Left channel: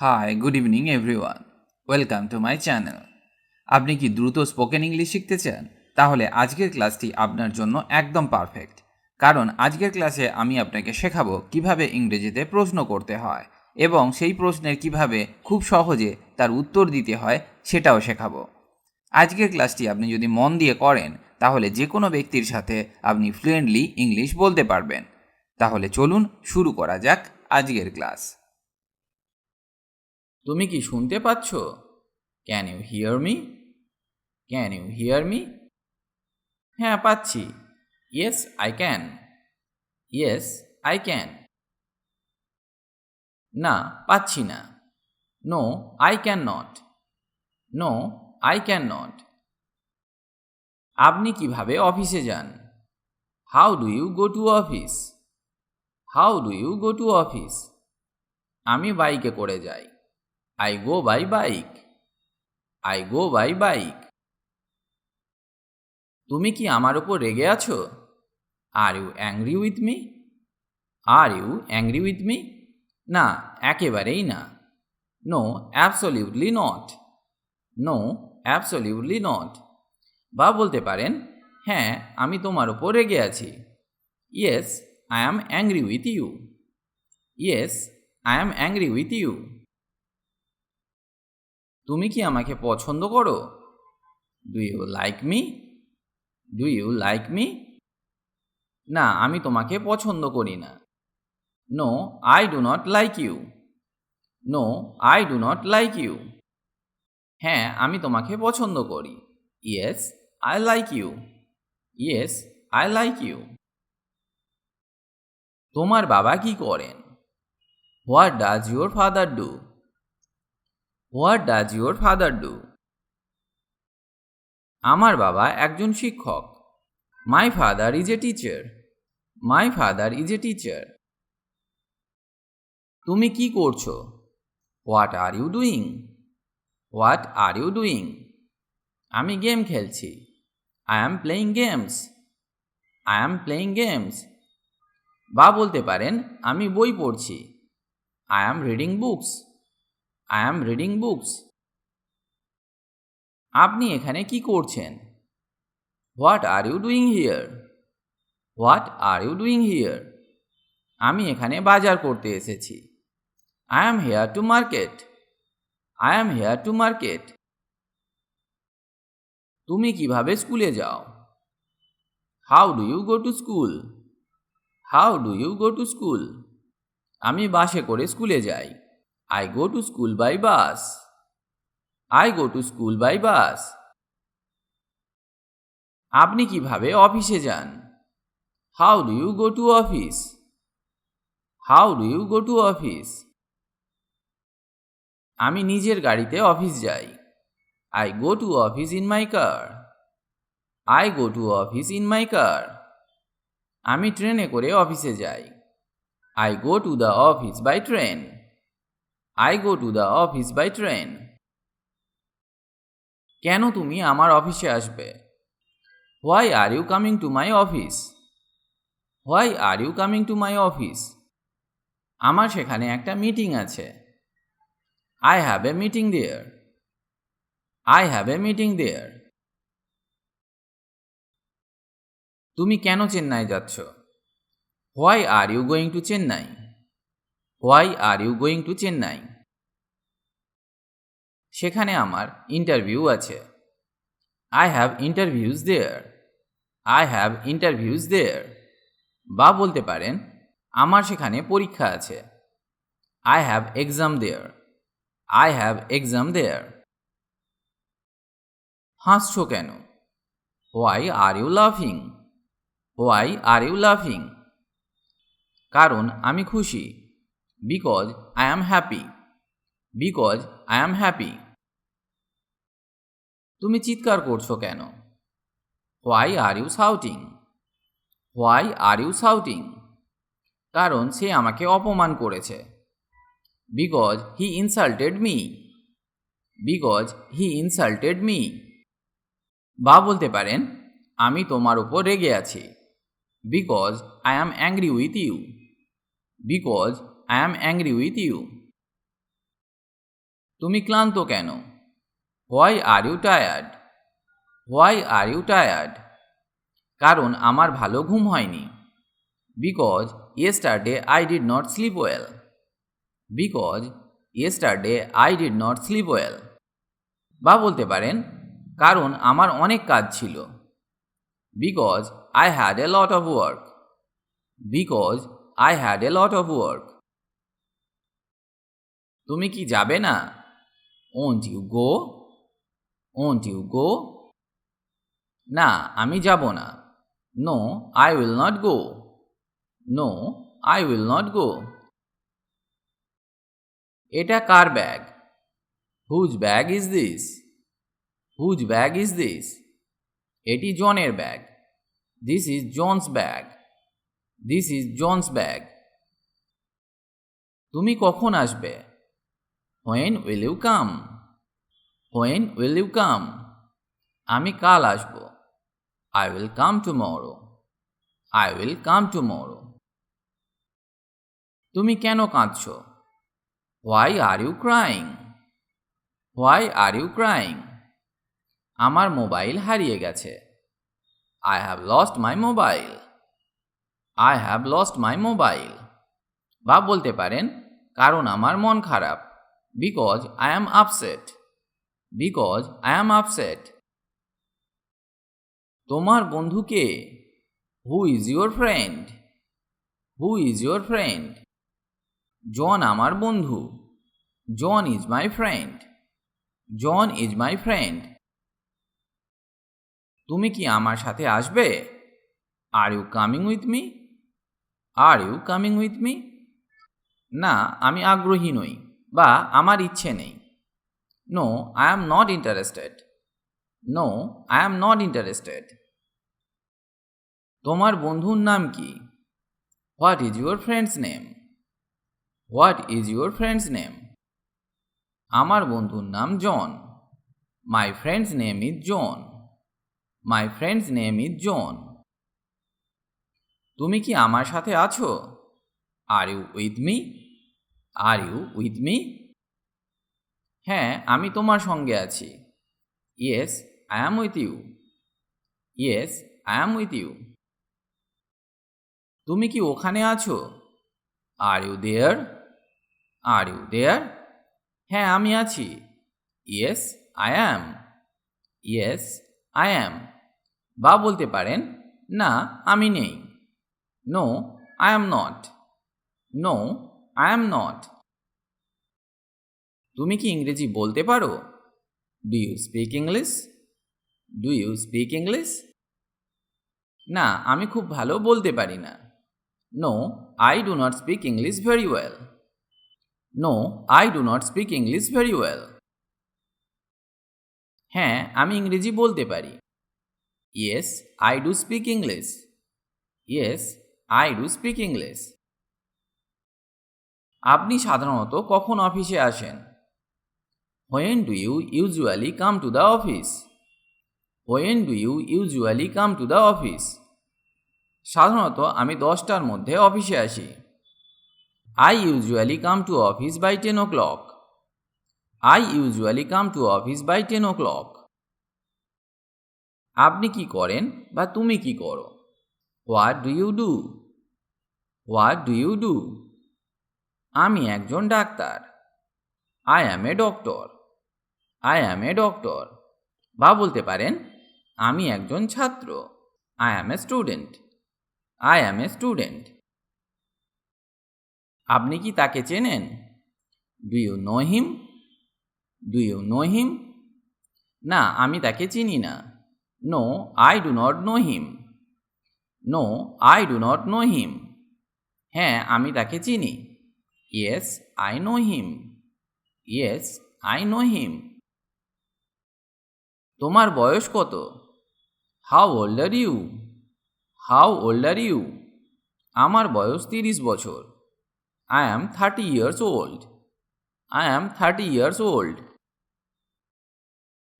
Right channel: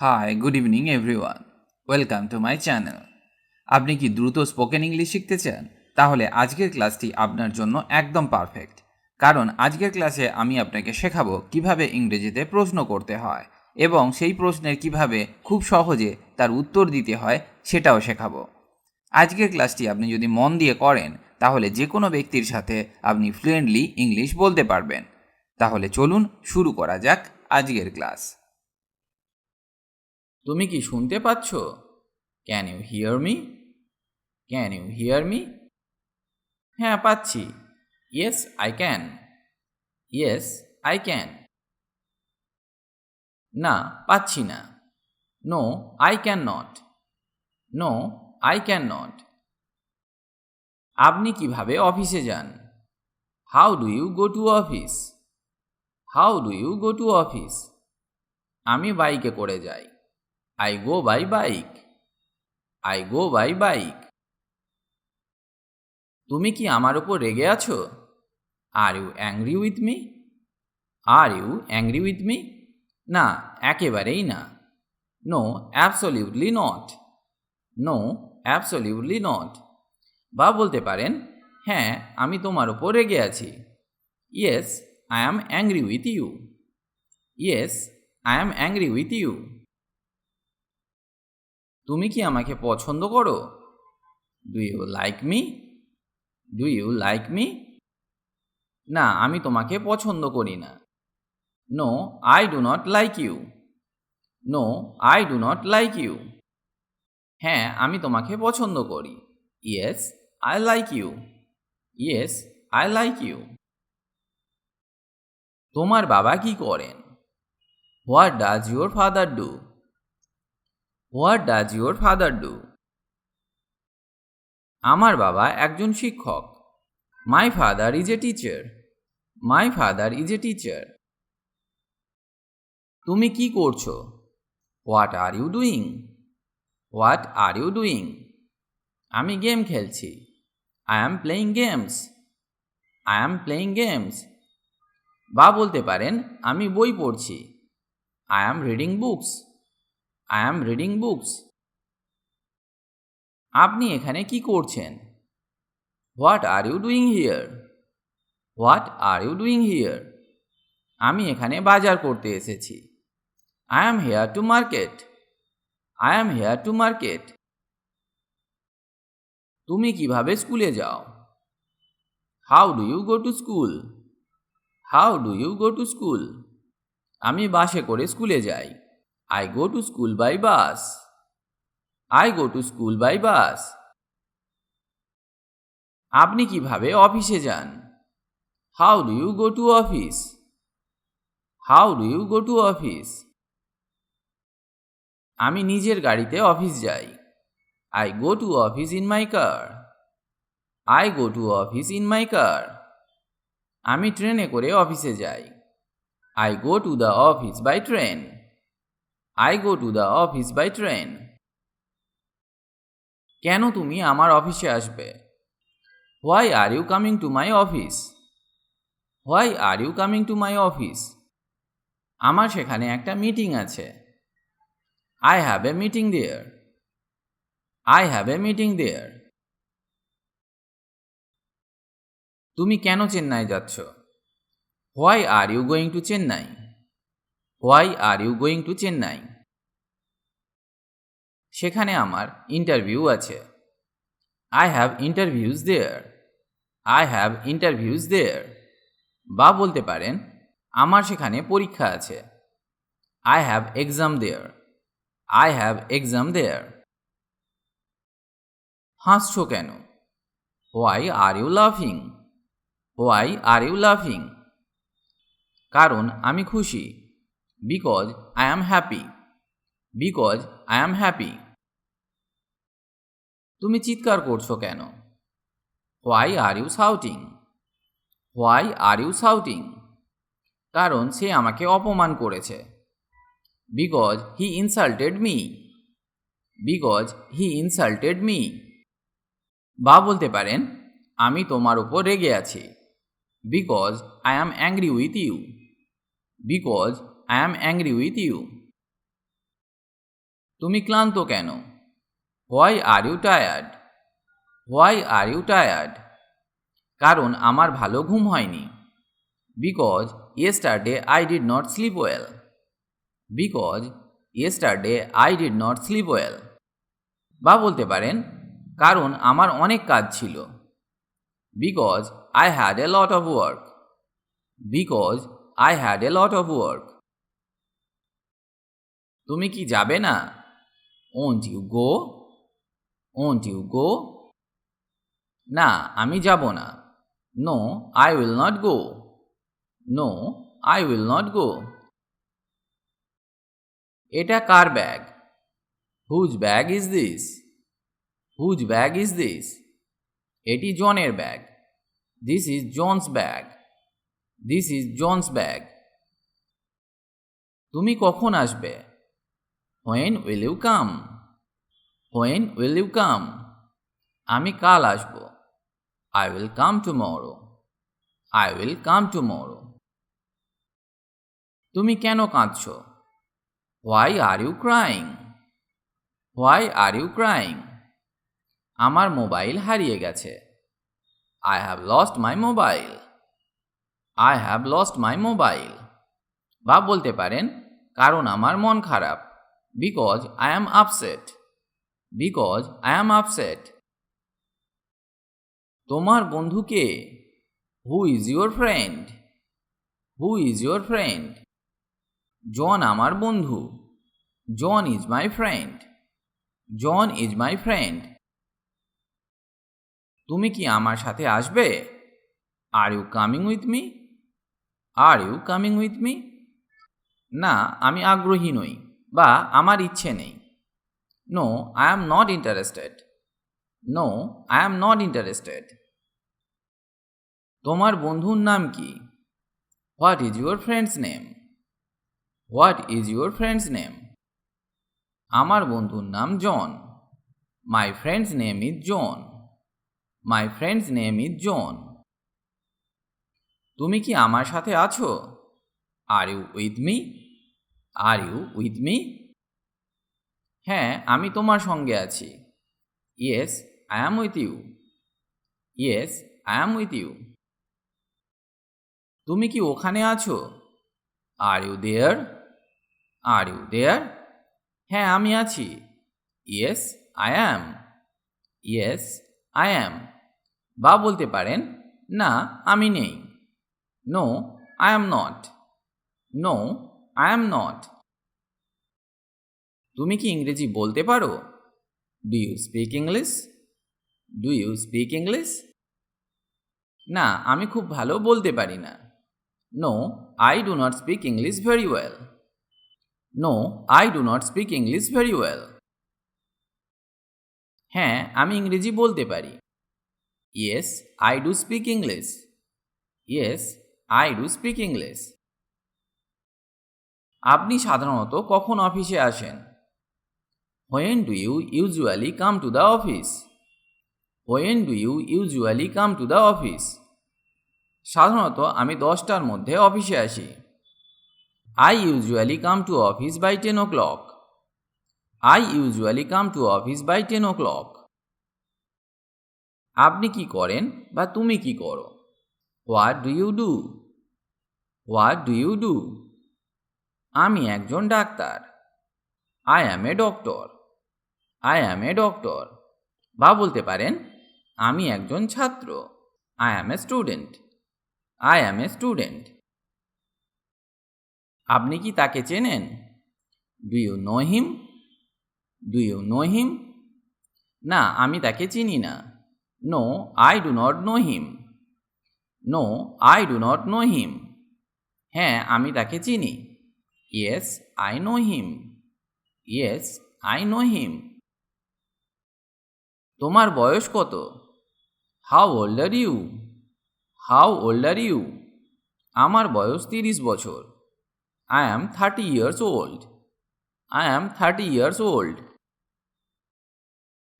High, good evening everyone. Welcome to my channel. আপনি কি দ্রুত স্পোকেন ইংলিশ শিখতে চান? তাহলে আজকের ক্লাসটি আপনার জন্য একদম পারফেক্ট। কারণ আজকের ক্লাসে আমি আপনাকে শেখাবো কিভাবে ইংরেজিতে প্রশ্ন করতে হয় এবং সেই প্রশ্নের কিভাবে খুব সহজে তার উত্তর দিতে হয় সেটাও শেখাবো। আজকের ক্লাসটি আপনি যদি মন দিয়ে করেন তাহলে যে কোনো ব্যক্তির সাথে আপনি ফ্লুয়েন্টলি ইংলিশ বলতে পারবেন। তাহলে চলুন শুরু করা যাক আজকের ক্লাস। তুমি কি শুনতে পাচ্ছ? Can you hear me? Can you hear me? হ্যাঁ, পাচ্ছি। Yes I can. Yes I can. না, পাচ্ছি না। No I can not. No I can not. আপনি কিভাবে অফিসে যান? How do you go to office? How do you go to office? আমি বাইকে করে যাই। I go by bike. I go by bike. তুমি কি আমার উপর রেগে আছো? Are you angry with me? Are you angry with me? না, একেবারেই না। No absolutely not. No absolutely not. বা বলতে পারেন, হ্যাঁ, আমি তোমার ওপর রেগে আছি। Yes I am angry with you. Yes I am angry with you. তুমি কি আমাকে পছন্দ করো? Do you like me? Do you like me? না, আমি তোমাকে পছন্দ করি না। No I do not like you. No I do not like you. হ্যাঁ, আমি তোমাকে পছন্দ করি। Yes I like you. Yes I like you. তোমার বাবা কি করেন? What does your father do? What does your father do? আমার বাবা একজন শিক্ষক। My father is a teacher. My father is a teacher. তুমি কি করছো? What are you doing? What are you doing? আমি গেম খেলছি। I am playing games. I am playing games. বা বলতে পারেন, আমি বই পড়ছি। I am reading books. I am reading books. আপনি এখানে কি করছেন? What are you doing here? What are you doing here? আমি এখানে বাজার করতে এসেছি। I am here to market. I am here to market. তুমি কিভাবে স্কুলে যাও? How do you go to school? How do you go to school? আমি বাসে করে স্কুলে যাই। I go to school by bus. I go to school by bus. আপনি কিভাবে অফিসে যান? How do you go to office? How do you go to office? আমি নিজের গাড়িতে অফিস যাই। I go to office in my car. I go to office in my car. আমি ট্রেনে করে অফিসে যাই। I go to the office by train. I go to the office by train. কেন তুমি আমার অফিসে আসবে? Why are you coming to my office? Why are you coming to my office? আমার সেখানে একটা মিটিং আছে। I have a meeting there. I have a meeting there. তুমি কেন চেন্নাই যাচ্ছ? Why are you going to Chennai? Why are you going to Chennai? সেখানে আমার interview আছে। I have interviews there. I have interviews there. বা বলতে পারেন, আমার সেখানে পরীক্ষা আছে। I have exam there. I have exam there. হাসছো কেন? হোয়াই আর ইউ লাফিং? হোয়াই আর ইউ লাফিং? কারণ আমি খুশি। Because I am happy. Because I am happy. তুমি চিৎকার করছো কেন? Why are you shouting? Why are you shouting? কারণ সে আমাকে অপমান করেছে। Because he insulted me. Because he insulted me. বা বলতে পারেন, আমি তোমার উপর রেগে আছি। Because I am angry with you. Because I am angry with you. তুমি ক্লান্ত কেন? Why are you tired? Why are you tired? কারণ আমার ভালো ঘুম হয়নি। Because yesterday I did not sleep well. Because yesterday I did not sleep well. বা বলতে পারেন কারণ আমার অনেক কাজ ছিল। Because I had a lot of work. Because I had a lot of work. তুমি কি যাবে না? Won't you go? Won't you go? না, আমি যাব না। No, I will not go. No, I will not go. এটা কার bag? Whose bag is this? Whose bag is this? এটি জনের bag. This is John's bag. This is John's bag. তুমি কখন আসবে? When will you come? When will you come? আমি কাল আসব। I will come tomorrow. I will come tomorrow. তুমি কেন কাঁদছ? Why are you crying? Why are you crying? আমার মোবাইল হারিয়ে গেছে। I have lost my mobile. I have lost my mobile. বা বলতে পারেন কারণ আমার মন খারাপ। Because I am upset. Because I am upset. তোমার বন্ধু কে? Who is your friend? Who is your friend? John আমার বন্ধু। John is my friend. John is my friend. তুমি কি আমার সাথে আসবে? Are you coming with me? Are you coming with me? না, আমি আগ্রহী নই বা আমার ইচ্ছে নেই। No, I am not interested. No, I am not interested. তোমার বন্ধুর নাম কি? What is your friend's name? What is your friend's name? আমার বন্ধুর নাম John. My friend's name is John. My friend's name is John. তুমি কি আমার সাথে আছো? Are you with me? Are you with me? হ্যাঁ, আমি তোমার সঙ্গে আছি। Yes, I am with you. Yes, I am with you. তুমি কি ওখানে আছো? Are you there? Are you there? হ্যাঁ, আমি আছি। Yes, I am. Yes, I am. বা বলতে পারেন না, আমি নেই। No, I am not. No, I am not. তুমি কি ইংরেজি বলতে পারো? Do you speak English? Do you speak English? না, আমি খুব ভালো বলতে পারি না। No, I do not speak English very well. No, I do not speak English very well. হ্যাঁ, আমি ইংরেজি বলতে পারি। Yes, I do speak English. Yes, I do speak English. আপনি সাধারণত কখন অফিসে আসেন? When do you usually come to the office? When do you usually come to the office? সাধারণত আমি 10টার মধ্যে অফিসে আসি। I usually come to office by 10 o'clock। I usually come to office by 10 o'clock। আপনি কি করেন বা তুমি কি করো? What do you do? What do you do? আমি একজন ডাক্তার। I am a doctor. I am a doctor. বা বলতে পারেন আমি একজন ছাত্র। I am a student. I am a student. আপনি কি তাকে চেনেন? Do you know him? Do you know him? না, আমি তাকে চিনি না। No, I do not know him. No, I do not know him. হ্যাঁ, আমি তাকে চিনি। Yes, I know him. Yes, I know him. তোমার বয়স কত? How old are you? How old are you? আমার বয়স 30 বছর। I am 30 years old. I am 30 years old.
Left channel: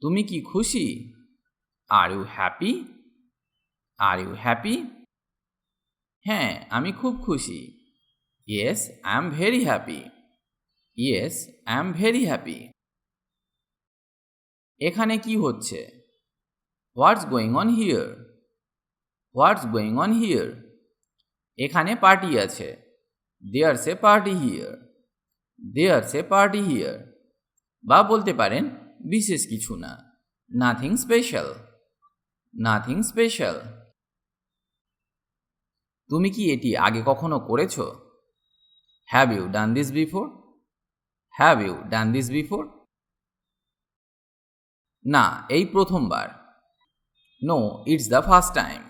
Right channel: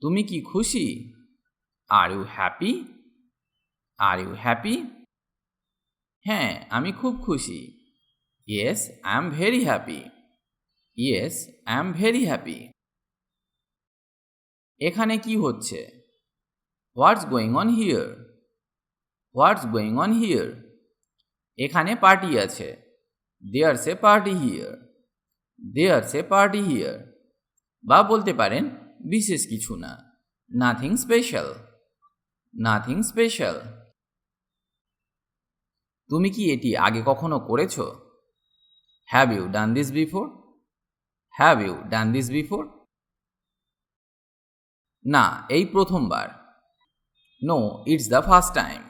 তুমি কি খুশি? আর ইউ হ্যাপি? আর ইউ হ্যাপি? হ্যাঁ, আমি খুব খুশি। Yes, I am very happy. Yes, I am very happy. এখানে কি হচ্ছে? What's going on here? What's going on here? এখানে পার্টি আছে। There's a party here. There's a party here. বা বলতে পারেন বিশেষ কিছু না, নাথিং স্পেশাল। Nothing special. তুমি কি এটি আগে কখনো করেছো? Have you done this before? Have you done this before? না, এই প্রথমবার। No, it's the first time.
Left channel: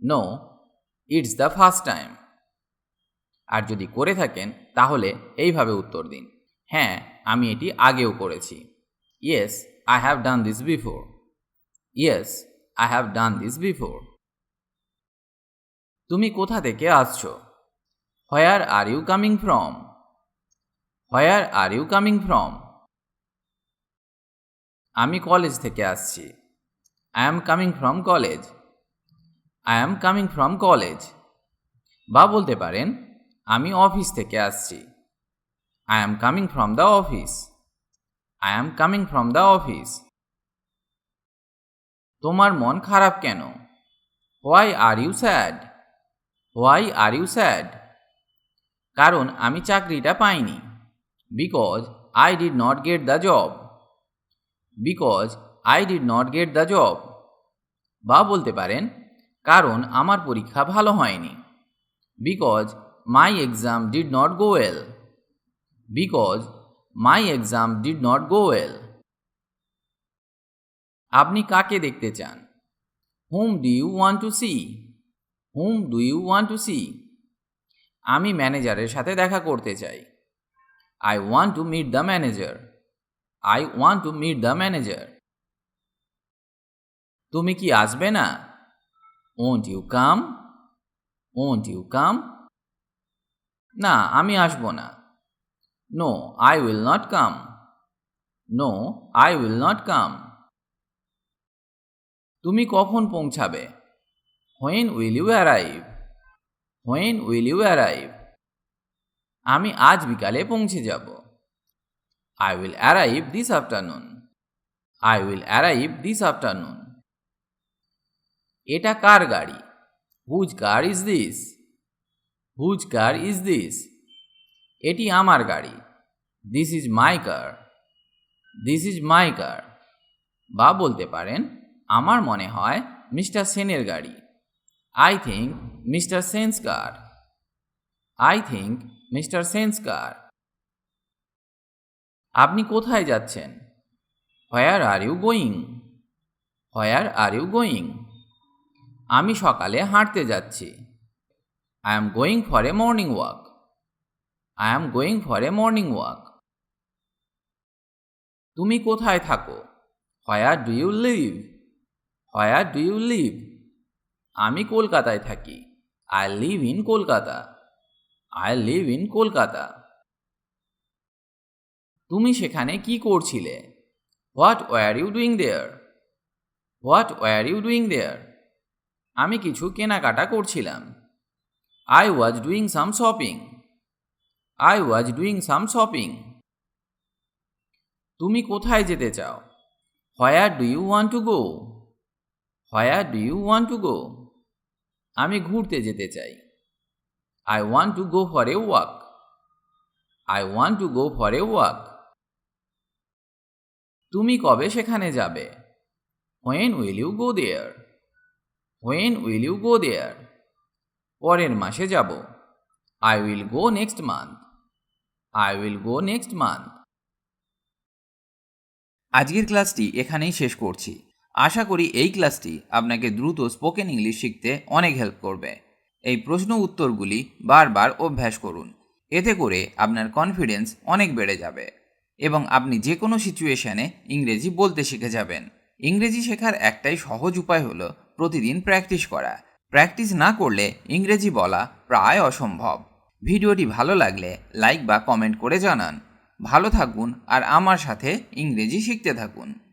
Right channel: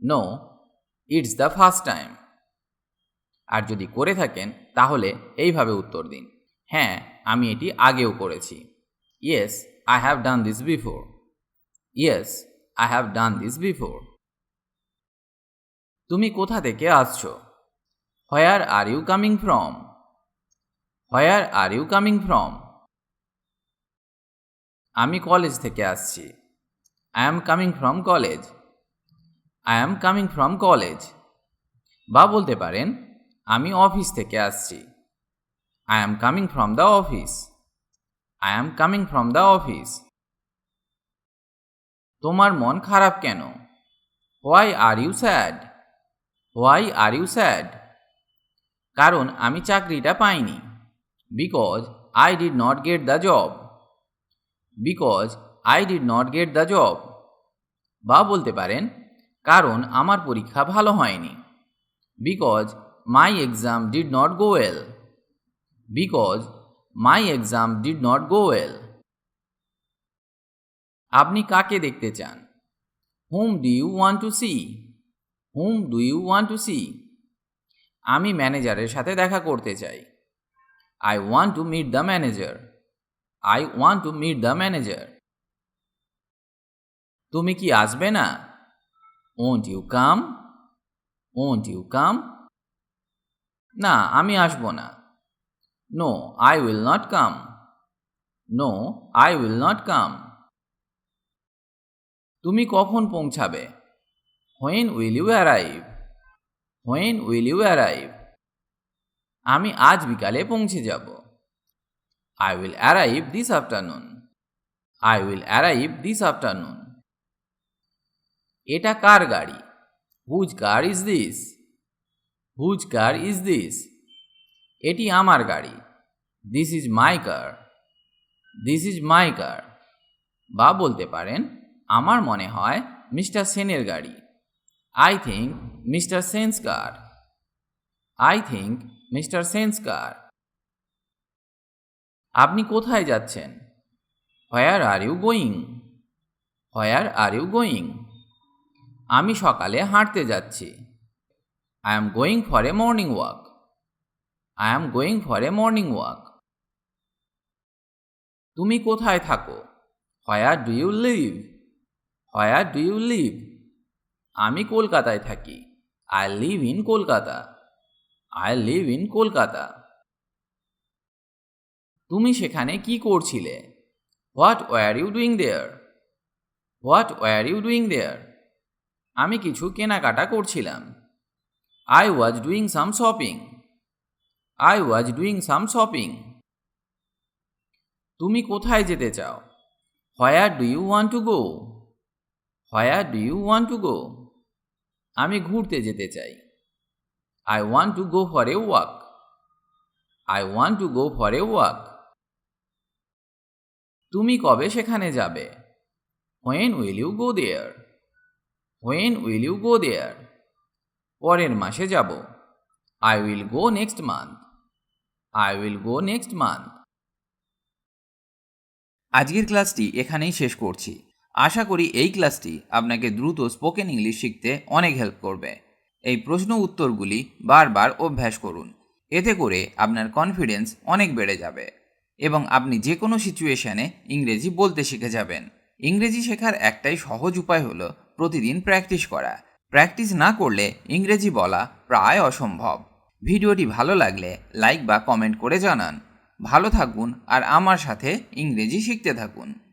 No, it's the first time. আর যদি করে থাকেন তাহলে এইভাবে উত্তর দিন, হ্যাঁ আমি এটি আগেও করেছি। Yes, I have done this before. Yes, I have done this before. তুমি কোথা থেকে আসছো? Where are you coming from? Where are you coming from? আমি কলেজ থেকে আসছি। I am coming from college. I am coming from college. বা বলতে পারেন আমি অফিস থেকে আসছি। I am coming from the office. I am coming from the office. তোমার মন খারাপ কেন? Why are you sad? Why are you sad? কারণ আমি চাকরিটা পাইনি। Because I did not get the job. Because I did not get the job. বা বলতে পারেন কারণ আমার পরীক্ষা ভালো হয়নি। Because my exam did not go well. Because my exam did not go well. আপনি কাকে দেখতে চান? Whom do you want to see? Whom do you want to see? আমি ম্যানেজারের সাথে দেখা করতে চাই। I want to meet the manager. I want to meet the manager. তুমি কি আসবে না? Won't you come? Won't you come? না, আমি আসবো না। No, I will not come. No, I will not come. তুমি কখন পৌঁছাবে? When will you arrive? When will you arrive? আমি আজ বিকালে পৌঁছে যাব। I will arrive this afternoon. I will arrive this afternoon. এটা কার গাড়ি? Whose car is this? Whose car is this? এটি আমার গাড়ি। This is my car. This is my car. বা বলতে পারেন আমার মনে হয় মিস্টার সেনের গাড়ি। I think mister Sen's car. I think mister Sen's car. আপনি কোথায় যাচ্ছেন? Where are you going? Where are you going? আমি সকালে হাঁটতে যাচ্ছি। I am going for a morning walk. I am going for a morning walk. তুমি কোথায় থাকো? Where do you live? Where do you leave? আমি কলকাতায় থাকি। I live in Kolkata. I live in Kolkata. তুমি সেখানে কি করছিলে? What were you doing there? What were you doing there? আমি কিছু কেনাকাটা করছিলাম। I was doing some shopping. I was doing some shopping. তুমি কোথায় যেতে চাও? Where do you want to go? Where do you want to go? আমি ঘুরতে যেতে চাই। I want to go for a walk. I want to go for a walk. তুমি কবে সেখানে যাবে? When will you go there? When will you go there? পরের মাসে যাব। I will go next month. I will go next month. আজকের ক্লাসটি এখানেই শেষ করছি। আশা করি এই ক্লাসটি আপনাকে দ্রুত স্পোকেন ইংলিশ শিখতে অনেক হেল্প করবে। এই প্রশ্ন উত্তরগুলি বারবার অভ্যাস করুন। এতে করে আপনার কনফিডেন্স অনেক বেড়ে যাবে এবং আপনি যে কোনো সিচুয়েশানে ইংরেজি বলতে শিখে যাবেন। ইংরেজি শেখার একটাই সহজ উপায় হলো প্রতিদিন প্র্যাকটিস করা। প্র্যাকটিস না করলে ইংরেজি বলা প্রায় অসম্ভব। ভিডিওটি ভালো লাগলে লাইক বা কমেন্ট করে জানান। ভালো থাকুন আর আমার সাথে ইংরেজি শিখতে থাকুন।